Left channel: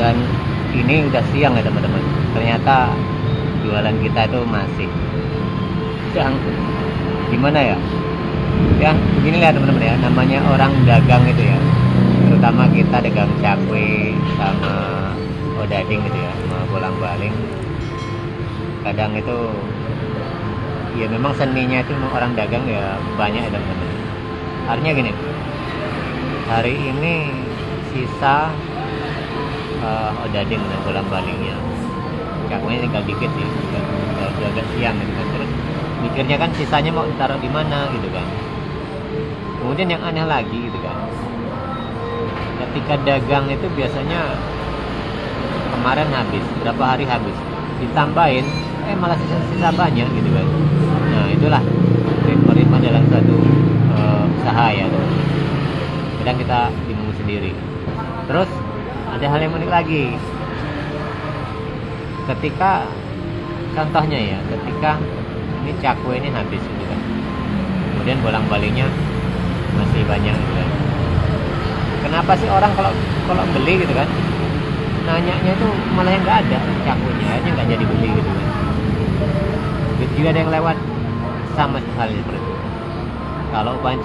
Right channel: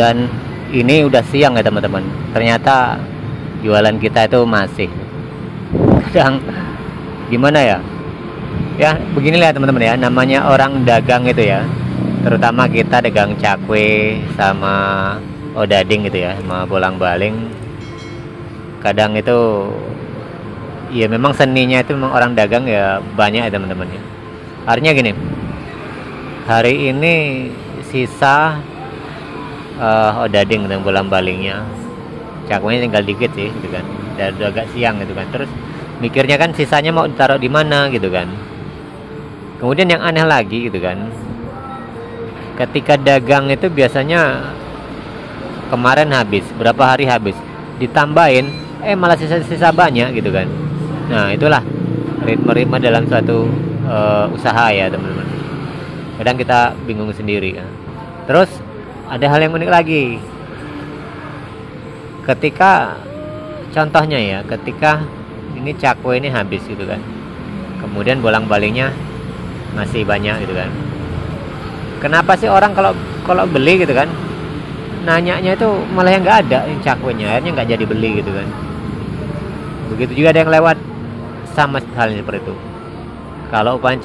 Dan ini udah siang ya teman-teman, ternyata jualan kita itu masih yang gimana ya, ya beginilah ya teman-teman ya, namanya orang dagang itu ya, terutama kita dagang cakwe sama odading gitu ya, sama bolang-baling. Kadang itu ya memang seninya itu memang orang dagang ya, banyak ya teman-teman ya. Artinya gini, hari ini sisa odading dan bolang-balingnya, cakwenya tinggal dikit sih gitu kan, ya udah agak siang gitu kan. Terus mikirnya kan sisanya mau ditaruh di mana gitu kan. Kemudian yang aneh lagi gitu kan, ketika dagang itu biasanya kemarin habis, berapa hari habis, ditambahin malah sisa-sisa banyak gitu kan. Nah itulah ritme-ritme dalam suatu usaha ya teman-teman, kadang kita bingung sendiri ya. Terus ada hal yang unik lagi, ketika contohnya ya, ketika ini cakwe ini habis gitu kan, kemudian bolang-balingnya masih banyak gitu kan. Kenapa sih orang kalau beli gitu kan, nanyanya itu malah yang nggak ada cakwenya, akhirnya nggak jadi beli gitu kan. Begitu juga ada yang lewat sama halnya seperti itu. Kalau ukuran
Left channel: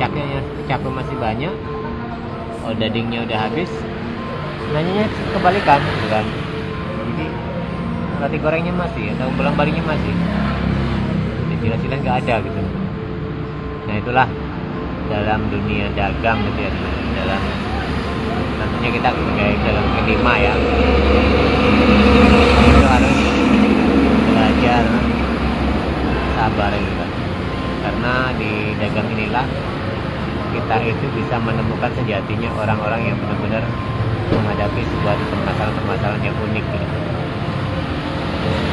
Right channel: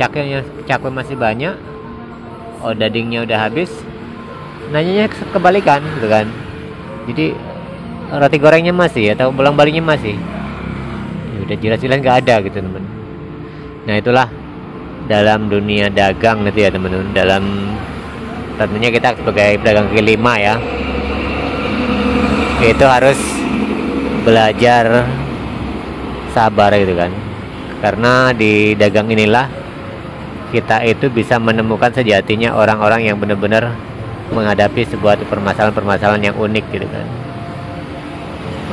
cakwe masih banyak, dagingnya udah habis, nanyanya kebalikan gitu kan. Jadi roti gorengnya masih atau bolang-balingnya masih, udah jelas-jelas nggak ada gitu teman. Nah itulah dalam dunia dagang gitu ya teman-teman. Dalam tentunya kita sebagai pedagang kaki lima ya, itu harus belajar sabar gitu kan. Karena di dagang inilah kita itu bisa menemukan sejatinya orang-orang yang benar-benar menghadapi sebuah permasalahan-permasalahan yang unik gitu kan.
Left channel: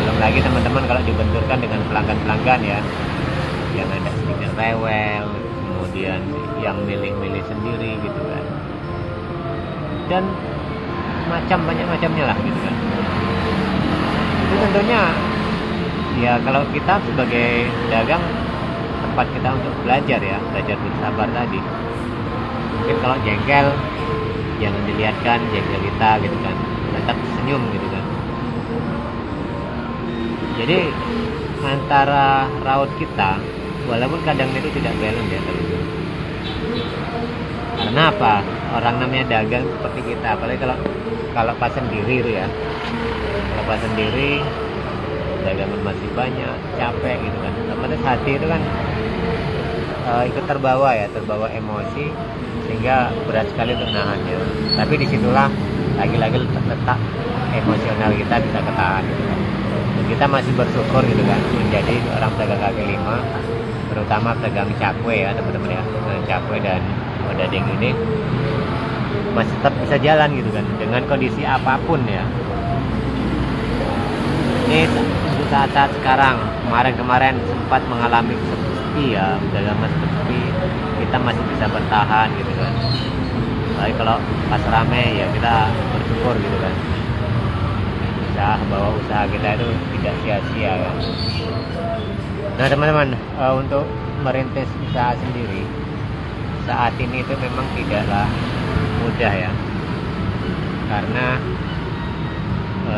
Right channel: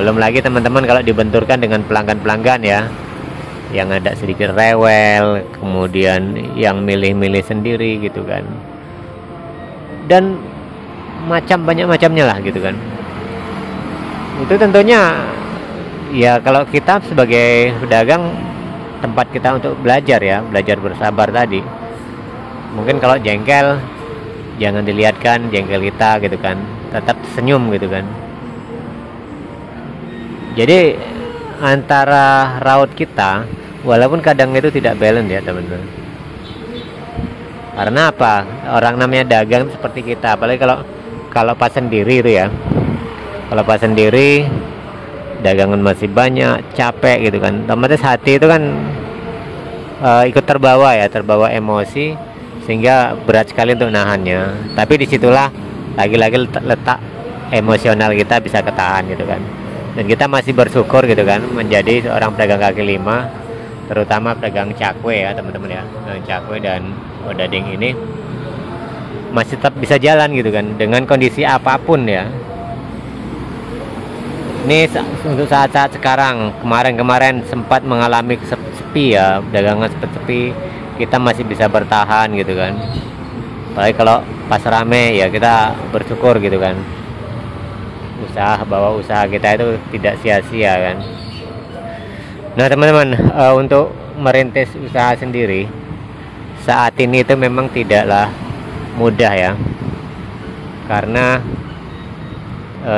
Belum lagi teman-teman kalau dibenturkan dengan pelanggan-pelanggan ya, yang ada sedikit rewel, kemudian yang milih-milih sendiri gitu kan, dan banyak macamnya lah gitu kan. Itu tentunya ya, kalau kita sebagai pedagang, tempat kita untuk belajar ya, belajar bersabar tadi. Mungkin kalau jengkel, jangan dilihatkan jengkel kita gitu kan, tetap senyum gitu kan. Jadi antara raut kita, walaupun kadang itu tidak balance ya teman-teman. Karena apa? Orang namanya dagang seperti kita, apalagi kalau pas sendiri itu ya. Kalau pas sendiri, dagangan masih banyak, capek gitu kan. Otomatis hati itu kan ikut terbawa ya, terbawa emosi, sehingga berat sekali untuk nahannya. Tapi disitulah lagi-lagi letak emosional kita bisa ketahan gitu kan. Dan kita masih bersyukur gitu kan menjadi seorang pedagang kaki lima, terutama pedagang cakwe ya teman-teman ya. Cakwe dan odading ini masih tetap bisa jalan gitu kan, dengan kondisi apapun ya. Ini untuk saat-saat sekarang, kemarin sempat mengalami sepi ya, dagangan sepi, kita masih bisa bertahan gitu kan. Baik kalau pas rame ya kita bersyukur gitu kan, bahwa usaha kita itu tidak sia-sia kan. Nah teman-teman, untuk merintis usaha sendiri saat ini itu memang tidaklah mudah ya, karena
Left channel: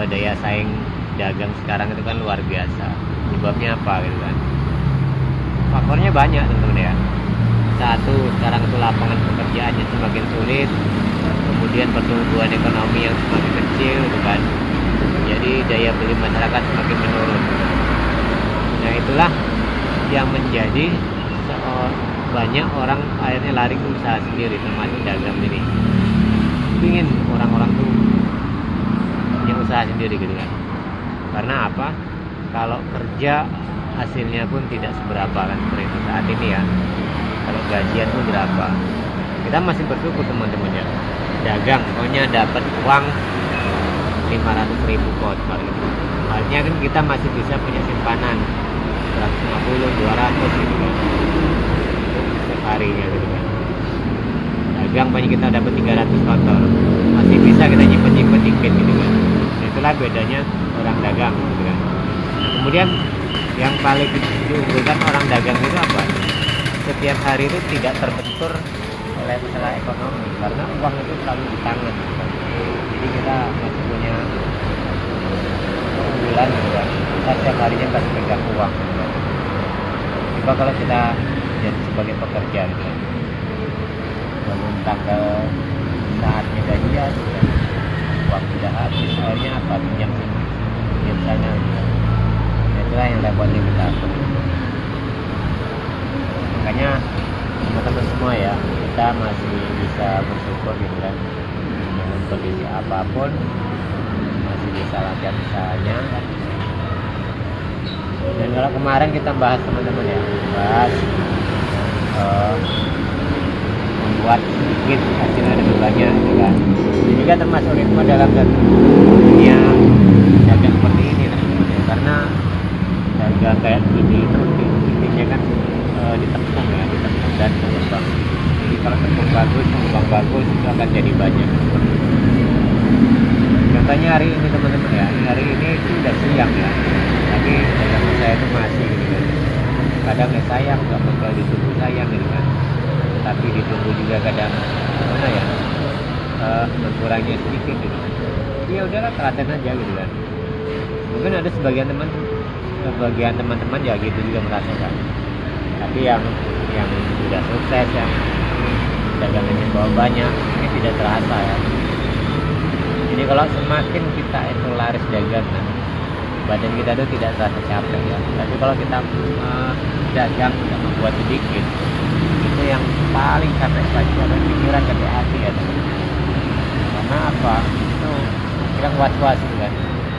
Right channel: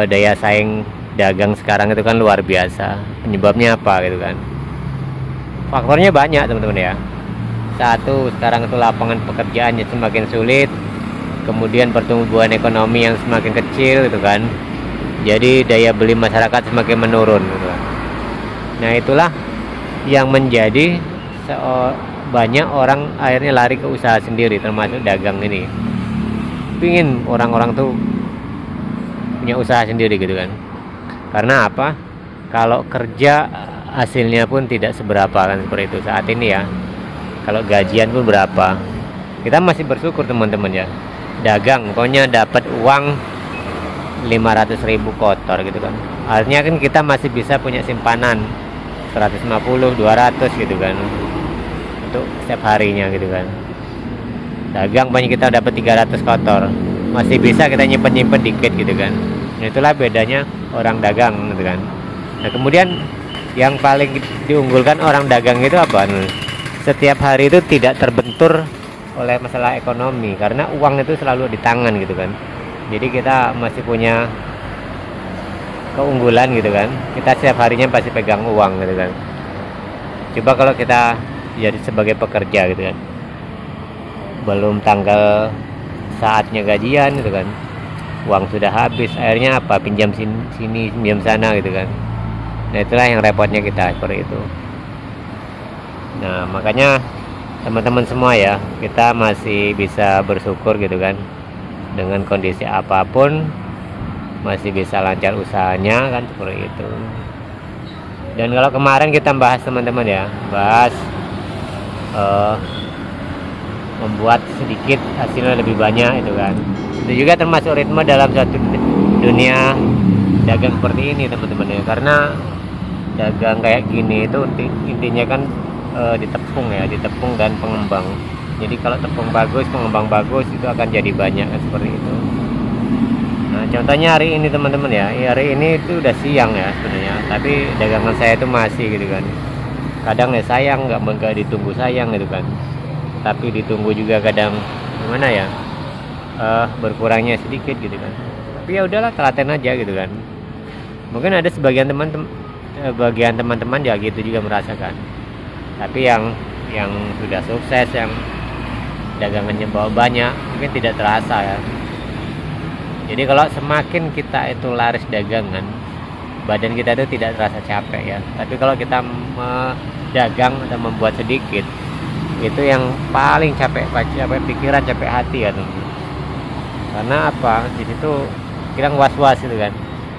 daya saing dagang sekarang itu kan luar biasa. Penyebabnya apa gitu kan? Faktornya banyak teman-teman ya. Satu, sekarang itu lapangan pekerjaannya semakin sulit, kemudian pertumbuhan ekonomi yang semakin kecil gitu kan. Jadi daya beli masyarakat semakin menurun. Nah itulah yang menjadi banyak orang akhirnya lari ke usaha sendiri, termasuk dagang ini. Pingin orang-orang tuh punya usaha sendiri gitu kan. Karena apa? Kalau kerja hasilnya pun tidak seberapa kan, seperti itu saat ini ya. Kalau gajian tuh berapa? Kita masih bersyukur teman-teman ya. Dagang pokoknya dapat uang 500.000 kotor gitu kan. Artinya kan kita masih bisa punya simpanan 150, 200 gitu kan, untuk setiap harinya gitu kan. Dagang banyak kita dapat 300 kotor, masih bisa kita nyimpen dikit gitu kan. Itulah bedanya orang dagang gitu kan. Nah kemudian yang paling diunggulkan orang dagang itu apa? Setiap hari itu tidak terbentur oleh masalah ekonomi, karena uang itu selalu di tangan gitu kan. Jadi kita masih punya keunggulan gitu kan, kita setiap harinya pasti pegang uang gitu kan. Coba kalau kita jadi sebagai pekerja gitu kan, belum tanggal saatnya gajian gitu kan, uang sudah habis, akhirnya apa, pinjam sini pinjam sana gitu kan. Nah itulah yang repotnya kita seperti itu. Nah makanya teman-teman semua ya, kita masih bisa bersyukur gitu kan, dengan kondisi apapun masih bisa lancar usahanya kan, seperti itu. Dan kalau kemarin kita bahas teman-teman ya, bahas membuat sedikit hasilnya lebih banyak itu kan, itu juga termasuk ritme dalam satu dunia dagang seperti ini teman-teman ya. Karena dagang kayak gini itu intinya kan ditepung ya, ditepung dan pengembang. Jadi kalau tepung bagus, pengembang bagus, itu akan jadi banyak seperti itu. Nah, contohnya hari ini teman-teman ya, hari ini itu udah siang ya sebenarnya, tapi dagangan saya itu masih gitu kan. Kadang ya sayang, nggak bakal ditunggu sayang gitu kan, tapi ditunggu juga kadang gimana ya, berkurangnya sedikit gitu kan. Tapi ya udahlah, telaten aja gitu kan. Mungkin ada sebagian teman-teman ya gitu juga merasakan. Tapi yang sudah sukses, yang dagangannya bawa banyak, mungkin tidak terasa ya. Jadi kalau semakin kita itu laris dagangan, badan kita itu tidak terasa capek ya. Tapi kalau kita dagang, kita membuat sedikit, itu yang paling capek pikiran, capek hati ya teman. Karena apa, di situ kita was-was gitu kan,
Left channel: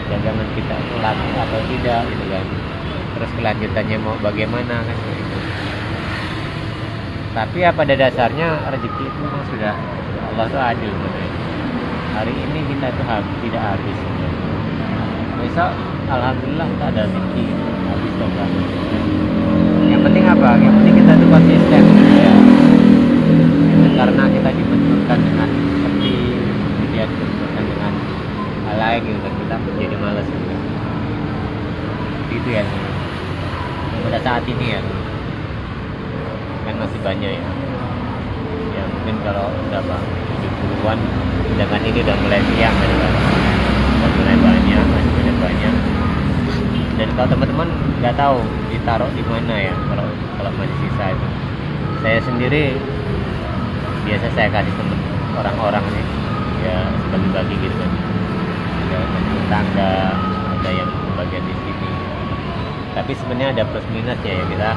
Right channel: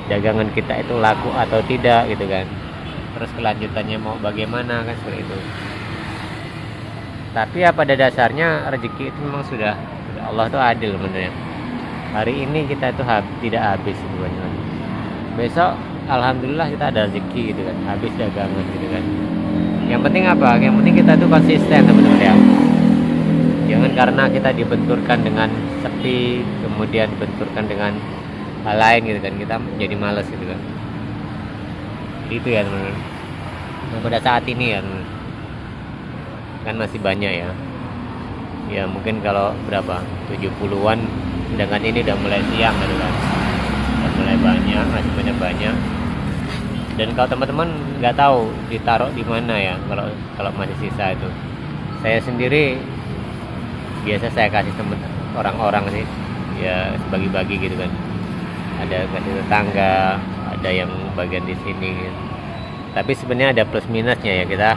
dagangan kita itu laku atau tidak gitu kan, terus kelanjutannya mau bagaimana kan, seperti itu. Tapi ya pada dasarnya rezeki itu memang sudah, Allah tuh adil sebenarnya. Hari ini kita tuh tidak habis sebenarnya. Besok alhamdulillah kita ada rezeki gitu kan, habis dagangan gitu kan. Yang penting apa? Yang penting kita tuh konsisten ya. Jangan karena kita dibenturkan dengan sepi, kemudian dibenturkan dengan hal lain gitu kan, kita menjadi malas gitu kan. Itu ya teman-teman. Yang pada saat ini ya teman, kan masih banyak ya. Ya mungkin kalau berapa 70-an, sedangkan ini udah mulai siang gitu kan, udah mulai banyak, masih banyak. Dan kalau teman-teman nggak tahu ditaruh di mana ya, kalau masih sisa itu, saya sendiri biasa saya kasih teman orang-orang nih ya, bagi-bagi gitu kan. Ada yang kasih tetangga, ada yang bagian di sini gitu. Tapi sebenarnya ada plus minusnya ya, kita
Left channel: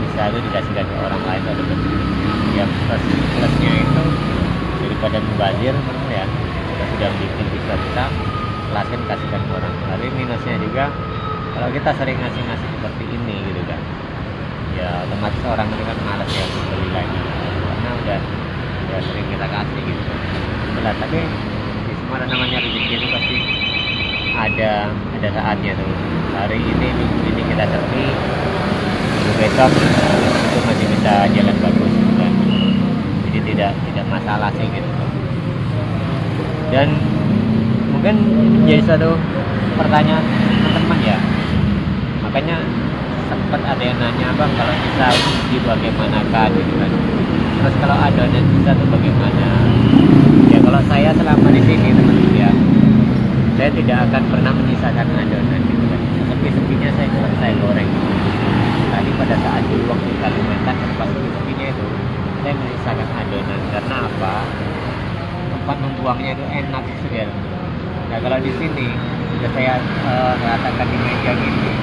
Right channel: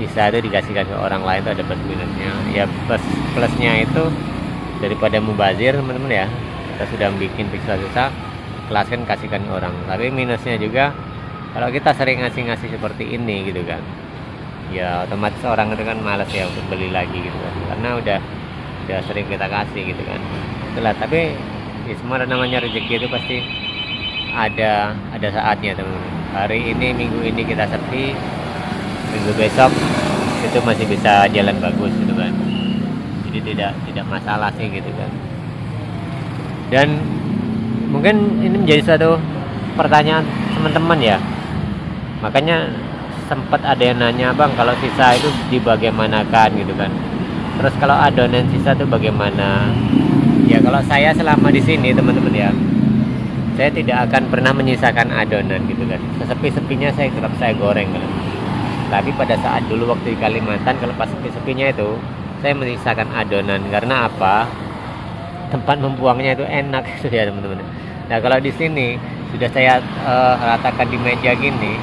sisa itu dikasihkan ke orang lain itu ada plus minusnya ya. Plusnya itu daripada mubazir teman-teman ya, kita sudah bikin bisa kelaskan kasihkan ke orang. Tapi minusnya juga kalau kita sering ngasih seperti ini gitu kan, ya otomatis orang itu kan malas ya untuk beli lagi gitu, karena udah sering kita kasih gitu kan. Itulah, tapi di semua namanya rezeki itu pasti ada saatnya tuh. Hari ini, minggu ini kita sepi, minggu besok itu masih bisa jalan bagus gitu kan. Jadi tidak masalah sih gitu kan. Dan mungkin ini menjadi satu pertanyaan teman-teman ya, makanya sempat ada yang nanya, bang kalau sisa itu dibagaimanakan gitu kan, terus kalau adonan sisa itu bagaimana ya. Kalau saya selama di sini teman-teman ya, saya tidak akan pernah menyisakan adonan gitu kan. Sepi-sepinya saya goreng kan. Tadi pada saat dulu waktu di Kalimantan, kalau pas sepi-sepinya itu saya menyisakan adonan. Karena apa, tempat membuangnya itu enak gitu ya teman-teman. Nah kalau di sini sudah saya ratakan di meja gini,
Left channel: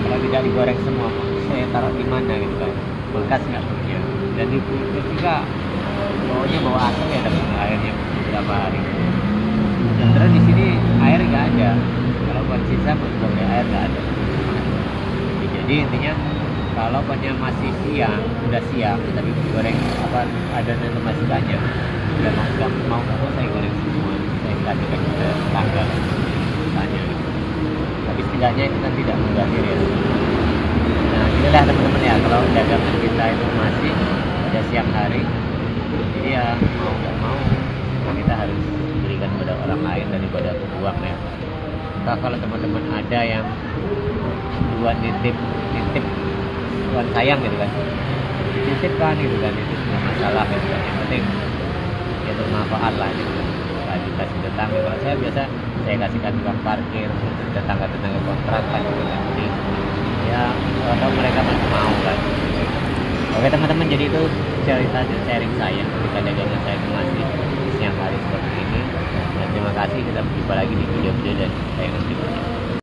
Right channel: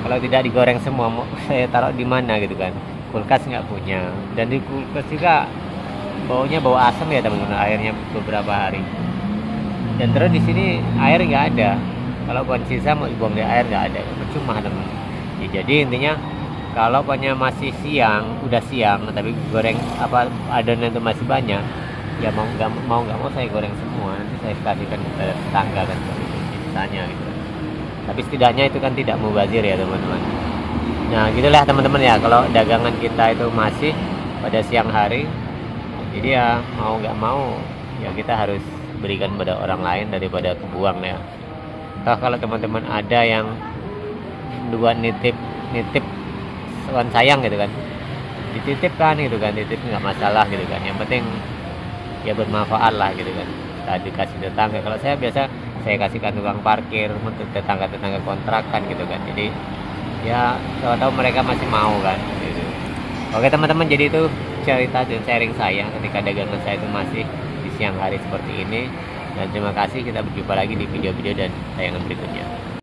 kalau tidak digoreng semua mau saya taruh di mana gitu kan, kulkas nggak punya. Dan di kulkas juga baunya bau asam ya teman-teman, airnya beberapa hari. Dan terus di sini air nggak ada, kalau buat sisa mau buang di air nggak ada, cuma teman. Ya, jadi intinya kalau pokoknya masih siang, udah siang tapi goreng apa adonan itu masih banyak, ya mau nggak mau saya goreng semua, saya kasihkan ke tetangga kan, misalnya gitu. Tapi setidaknya itu kan tidak mubazir ya teman-teman. Nah gitulah teman-teman ya, kalau dagangan kita itu masih pada siang hari, jadi ya mau nggak mau ya kita harus berikan pada orang lain daripada kebuang ya. Kalau teman-teman ada yang dua nitip tuan sayang gitu kan, dititipkan gitu kan, nitip nggak masalah gitu kan, yang penting ya bermanfaat lah gitu kan. dikasih tetangga. Kalau saya biasa saya kasihkan uang parkir untuk tetangga-tetangga kontrakan gitu kan. Jadi ya tahu mereka masih mau kan. Oke teman-teman, jadi itu cerita dan sharing saya ketika dagangan saya itu masih di siang hari seperti ini. Dan terima kasih, kita berjumpa lagi di video-video dan tayangan berikutnya.